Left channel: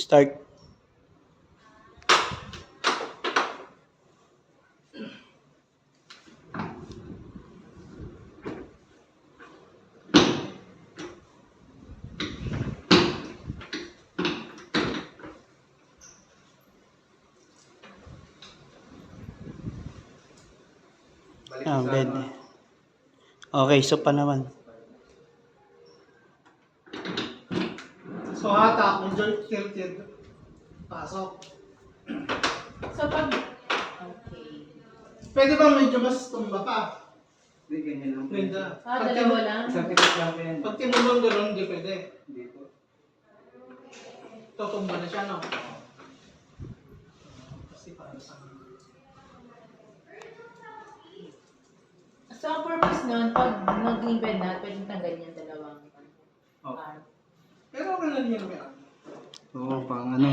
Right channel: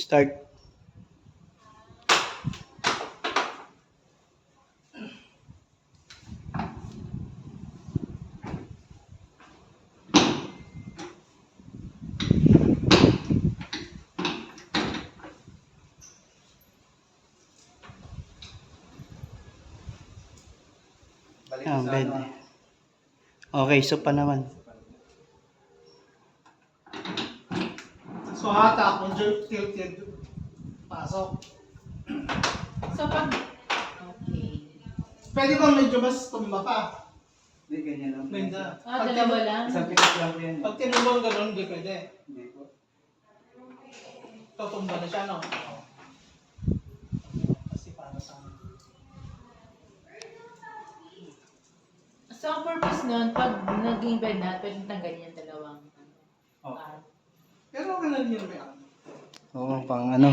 Start. Bed. Okay, so pa naman. So hatak, medyo tilted. Pasok. So pag... Okay. Pwede bang medyo mas tumba pa? Hindi, ganyan lang. Linda. Dalawa lang? Isang pikas lang po yan. Pag tinulong gano'n, hindi pwede. Hindi po. Tutumba na siya, no? Kasi para sa... So ang purpose nun, pag naging bed na, pwedeng tanggalin yung dalawang Oh. arm. Pero ganun yun, may Oo, pang ano.